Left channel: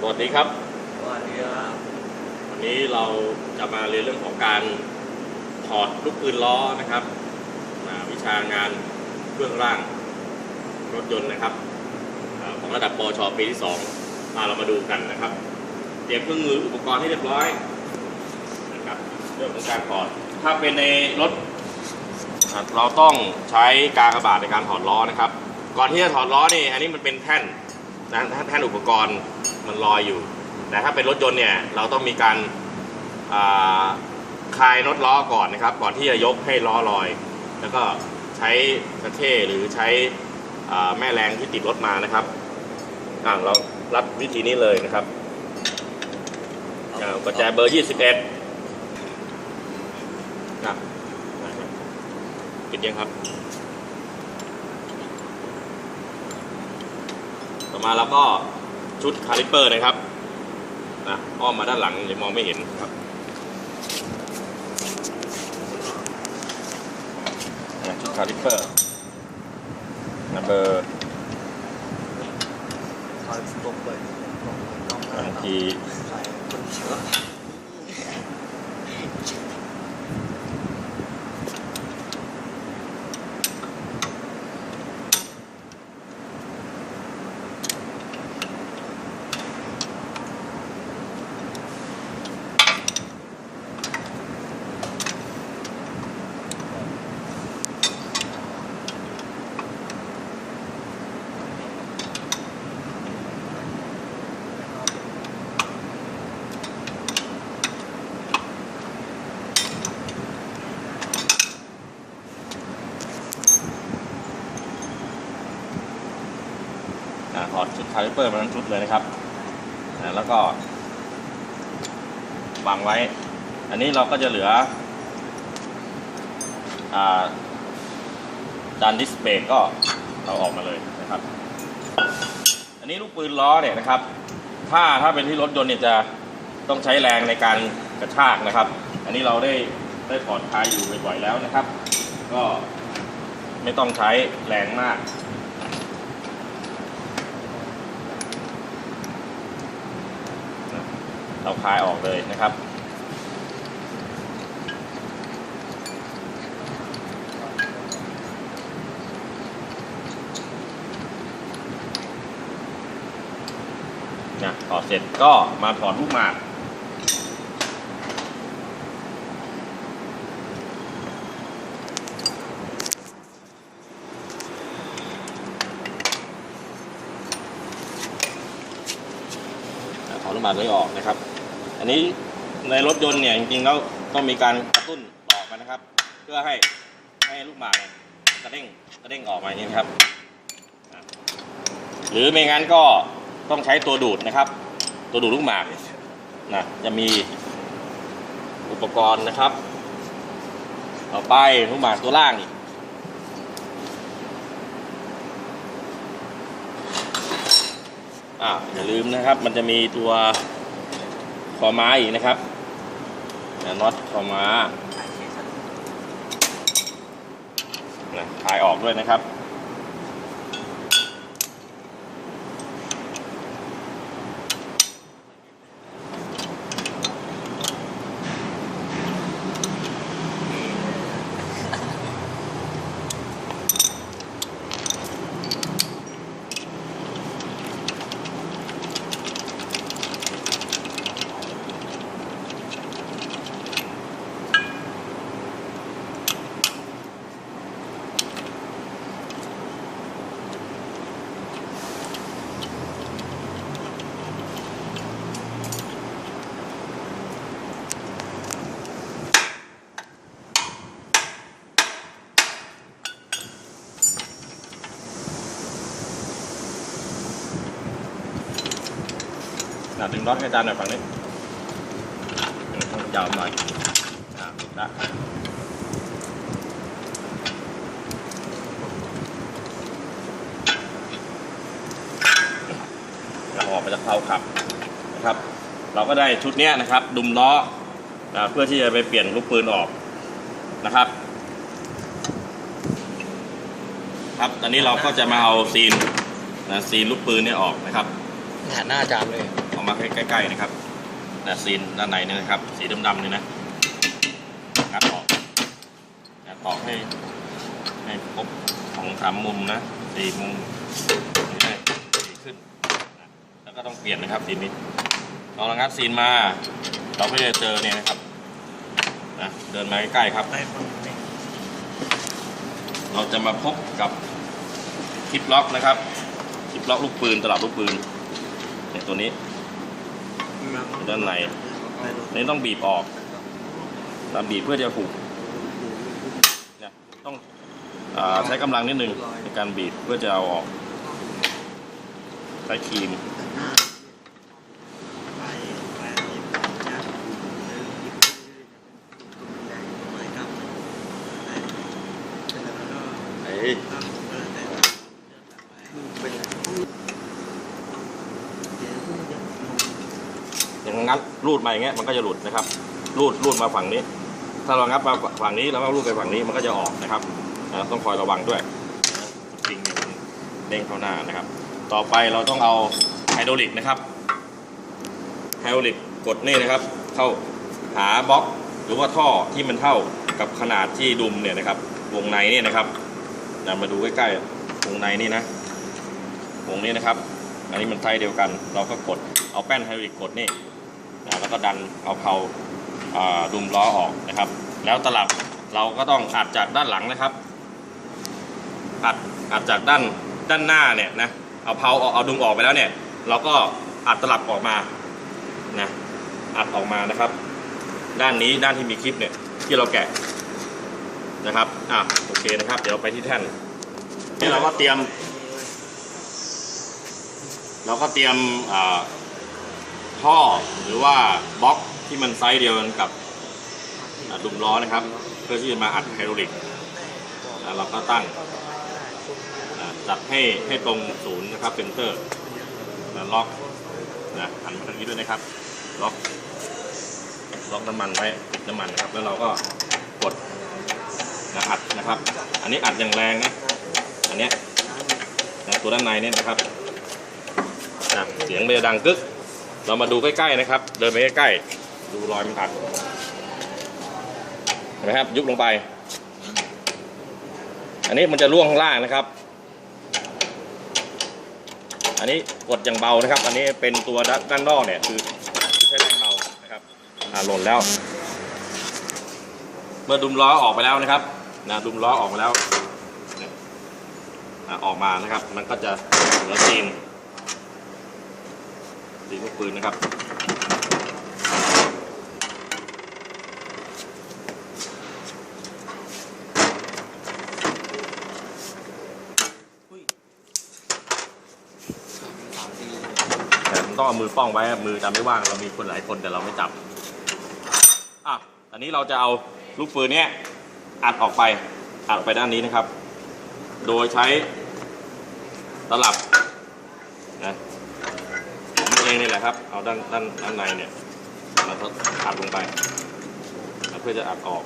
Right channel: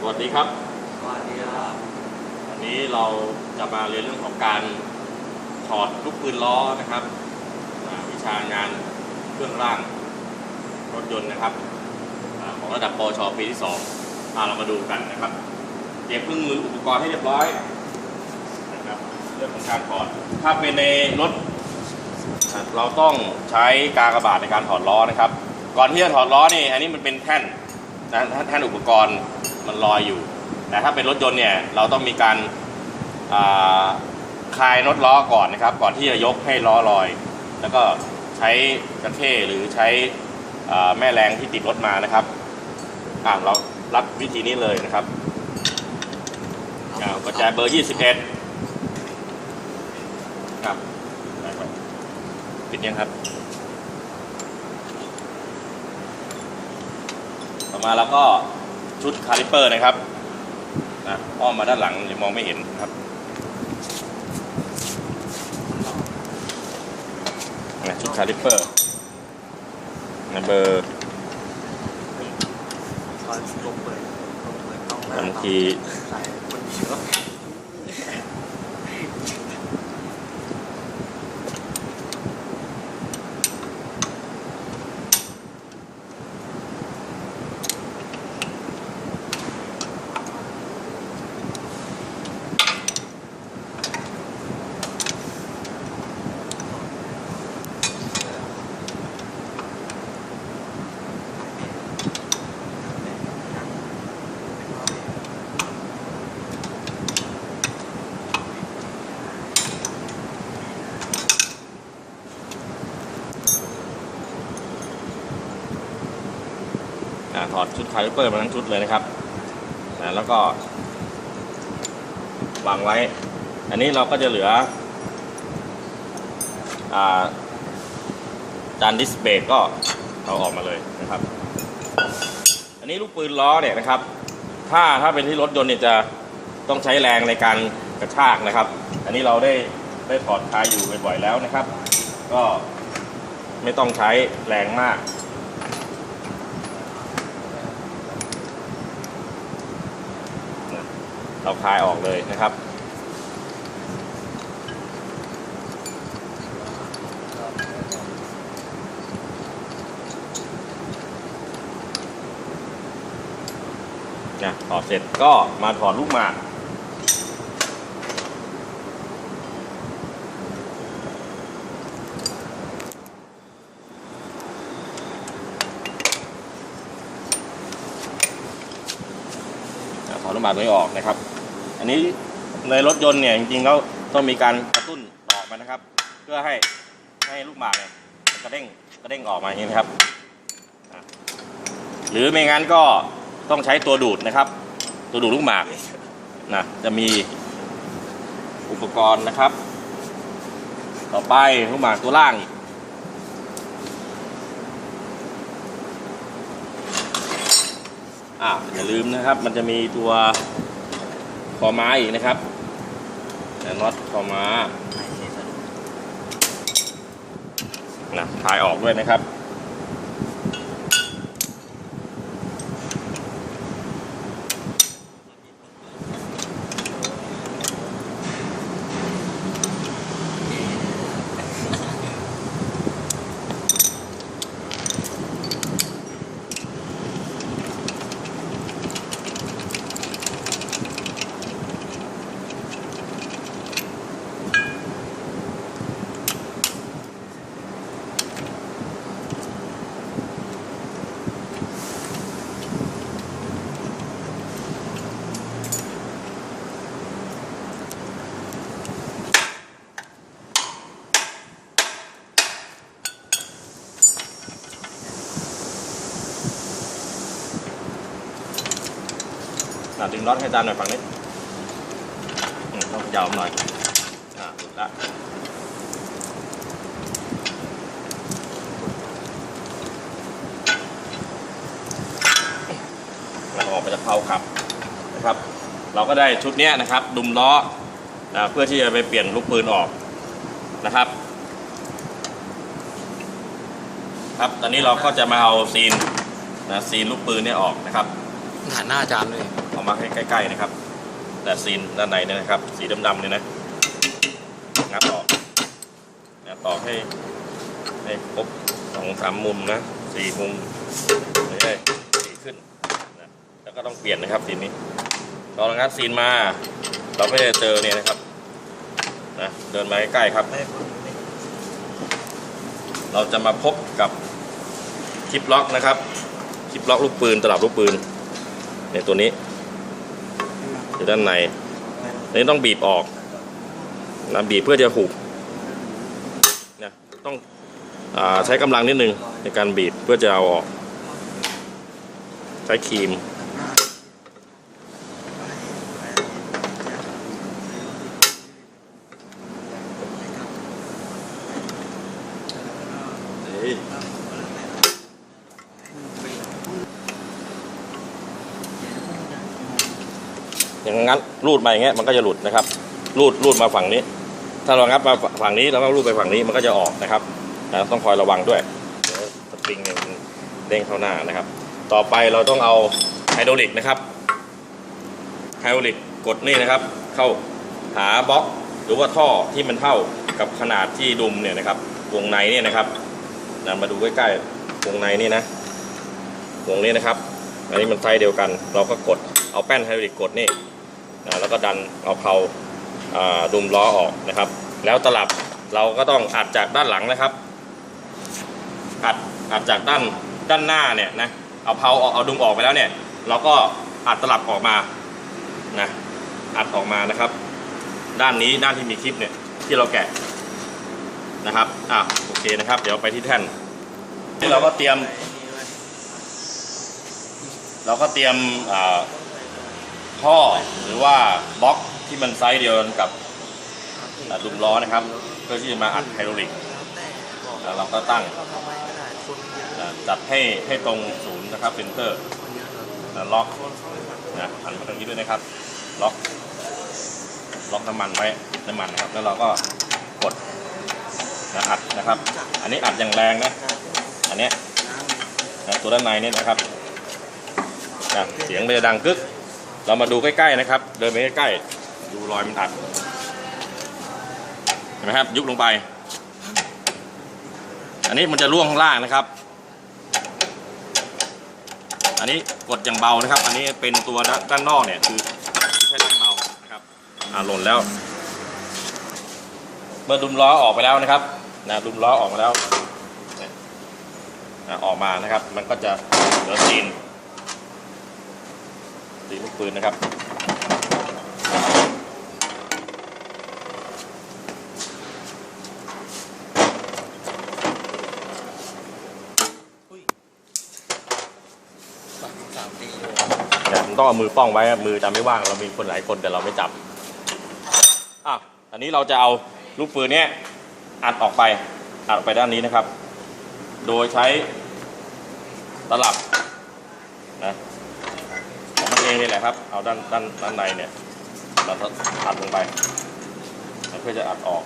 สวัสดีครับ สวัสดีครับ วันนี้เราจะมาเรียนเรื่องของการถอดลูกปืนล้อนะครับอ่าวิชางานเครื่องร่างรถยนต์นะครับอาของระดับปชปีที่2มาเรามาดูกันนะครับ เตรียมเครื่องมืออุปกรณ์ให้เรียบร้อยนะครับเรื่องของการถอด ถ้าเป็นในรถอะเราต้องใช้กากบาทในการถอดล้อนะครับ ก่อนที่จะถอดล้อนี่ อันนี้มันเป็นแท่นนะแท่นอุปกรณ์ มันลอยอยู่ แต่ถ้าเป็นรถยนต์เนี่ยเราต้องมีการาคลายน็อตล้อก่อนนะครับ ก่อนที่จะยกให้ล้อลอย แล้วก็ใช้กระเทหรือใช้แม่แรงที่ติดรถมานะครับอ่าเรารับวิธีนี้เลยนะครับอ่ากระจายเบอร์ 21 ครับปิดยังครับ ต่อมาเราก็ ชุดคาลิเปอร์นะครับอะอ้อมมาด้านหลังเดี๋ยวมองไม่เห็นครับชุดคาลิเปอร์เนี่ยเบอร์บางที ถอดชุดคาลิเปอร์มาทั้งชุดเลยนะครับแล้วก็วางไว้ อันนี้เราก็จะเหลืออจานดิสเบรกก็เอาออกมาเลยนะครับ อันนี้ลูกปืนล้อเนี่ยนะครับ ถ้าถ้าเป็นที่รถยนต์เนี่ยจะต้องใช้แรงในการกระชากนะครับ อันนี้เราได้ได้ถอดคลายอยู่บ่อยๆแล้วนะครับ ก็ไม่ต้องใช้แรงมาก เราคลายออกเลยนะครับ นะถอดเสร็จก็มาถอดลูกหมากถอดลูกหมากนี้ออกนะครับ นนี้ในรถยนต์เนี่ยจริงๆแล้วต้องมีการกระตุ้นออกมานะครับ เพื่อให้ให้ลูกหมากเนี่ยกระเด้งกระเด้งออกมาอย่างนี้นะครับ หรือไม่งั้นก็ต้องใช้ตัวดูดนะครับ ตัวดูดลูกหมากนะจะมีอุปกรณ์นะครับ ต่อไปลูกหมากตัวล่างอ่าอย่าลืมนะครับ มันจะมีตัว คอม้าอีกนะครับน็อตคอม้านะถ่ายออกด้วยนะครับ อะดึงน็อตให้อาจารย์หน่อยฝั่งนี้ต้องยาวหน่อยอ่าหลุดละเราออกมาจากเพาขับนะครับ เราก็ได้ชุดนี้นะครับ ดุมล้ออ่าเพื่อที่จะไปเปลี่ยนลูกปืนออกนะครับ ครับตอนนี้เราก็จะมาเอาซีนนะซีนลูกปืนเนี่ยออกนะครับหน้าอาจารย์เลย มาให้ใกล้ๆนะครับแต่ซีนด้านในเนี่ยนะครับ สีดำๆเนี่ยนะงับออกงับออกให้ให้ครบสองสามมุมนะสี่มุมนี่ได้สีขึ้นนะแล้วก็ต้องเปลี่ยนนะครับซีนนี้ตอนเรางัดซีนมา เราก็จะเจอเนี่ยนะครับนะเดินมาใกล้ๆครับ เราจะมาพบกับคลิปล็อกนะครับคลิปล็อกลูกปืนตลับลูกปืนในตัวนี้ ด้านในนนี้ต้องบีบออกนะบีบเพื่อจะผูกนะต้องอใช้กำลังนิดนึงในการบีบเพื่อจะเอาออก ใช้ครีมไป รูดมาอย่างเงี้ยมันก็จะหลุดนะครับ รูดรูดมาฝั่งนี้ ถ้าเรางับมาฝั่งนี้แล้วก็รูดไปฝั่งนี้มันก็จะออกนะครับนะต้องคอยระวังด้วยเดี๋ยวสปริงเนี่ยมันเด้งเข้าหน้านะครับ ต่อไปเราต้องเอาไฮดรอลิกนะครับไฮดรอลิกกดนี่นะครับ เข้าหาบล็อกหรือว่าท่อที่มันเท่ากับขนาดที่ดุมเนี่ยนะครับ วงในเนี่ยนะครับนะมาดูใกล้ๆวงในนี่นะวงนี้นะครับ อันนี้มันไซส์เดียวกัน เราก็กดเอาแป้นไฮดรอลิกกดนี่ แล้วก็ดันเอาเขา่าดุมล้อออกนะครับ แล้วตลับเราก็ต้องอัดจากด้านหลังนะครับ อัดอัดจากด้านด้านหน้าเนี่ยนะเอาเพาเอาเอาดุมออกไปแล้วเนี่ย เราก็อัดตลับออกมานะอัดออกมานะครับ ด้านนี้ด้านที่มีคลิปเนี่ยที่เราแกะนะครับอะโอเคนะครับ เดี๋ยวไปที่แท่นนี่เราก็เตรียม เราก็เตรียมอ่า ท่อหรือว่าบล็อกที่มันไซส์เดียวกันกับอ่าดุมล้อนะครับ เพื่อที่จะมาอัดไฮดรอลิกแล้วแต่บอกแล้วเราก็ตั้งก็ทำไมก็ได้คนเยอะอ่าจัดให้ให้ตรงศูนย์นะครับเป็นเพิ่มคนเยอะเลยนะล็อกคนเขาอยากนะหันมาทางนี้ด้วยนะครับ ล็อก ล็อกน้ำมันไว้น้ำมันครับ แล้วเราก็กดนะอัดนะครับ อันนี้อัดอย่างแรงนะ อันเนี้ยน้ำนะตัวด้านในนี่นะครับนะเสียงเลยดังกึก เรามาดูใกล้ๆนะครับ เดินไปใกล้ๆดูรอยมันอัดเห็นไหมครับยุบลงไป อันนี้มันจะร่วงข้างล่างนะครับ อันนี้กดอย่างเบานะครับ อันนี้เป็นตัวด้านนอกเนี่ยคือใช้เป็นเบานะครับอ่าหล่นแล้ว เมื่อดุมล้อออกไปแล้วนะครับนะดุมล้อออกมาแล้วอออกมานะครับ มันก็จะเหลือซีนีลูกปืนนะครับสามสามดีแต่ผมต้องเอามือป้องไว้ครับมือจะไม่ว่างเรามีคนหลายคนแต่เราไม่จับอะอันนี้เราจะเอาลูกปืนเนี้ยอัดออกไปอัดออกไปด้านนี้นะครับ โดยใช้ตลับนะ เองนี่แหละครับ เอาด้านด้านด้านในเนี่ย เราก็อัดลงไป เพื่อจะอัดออก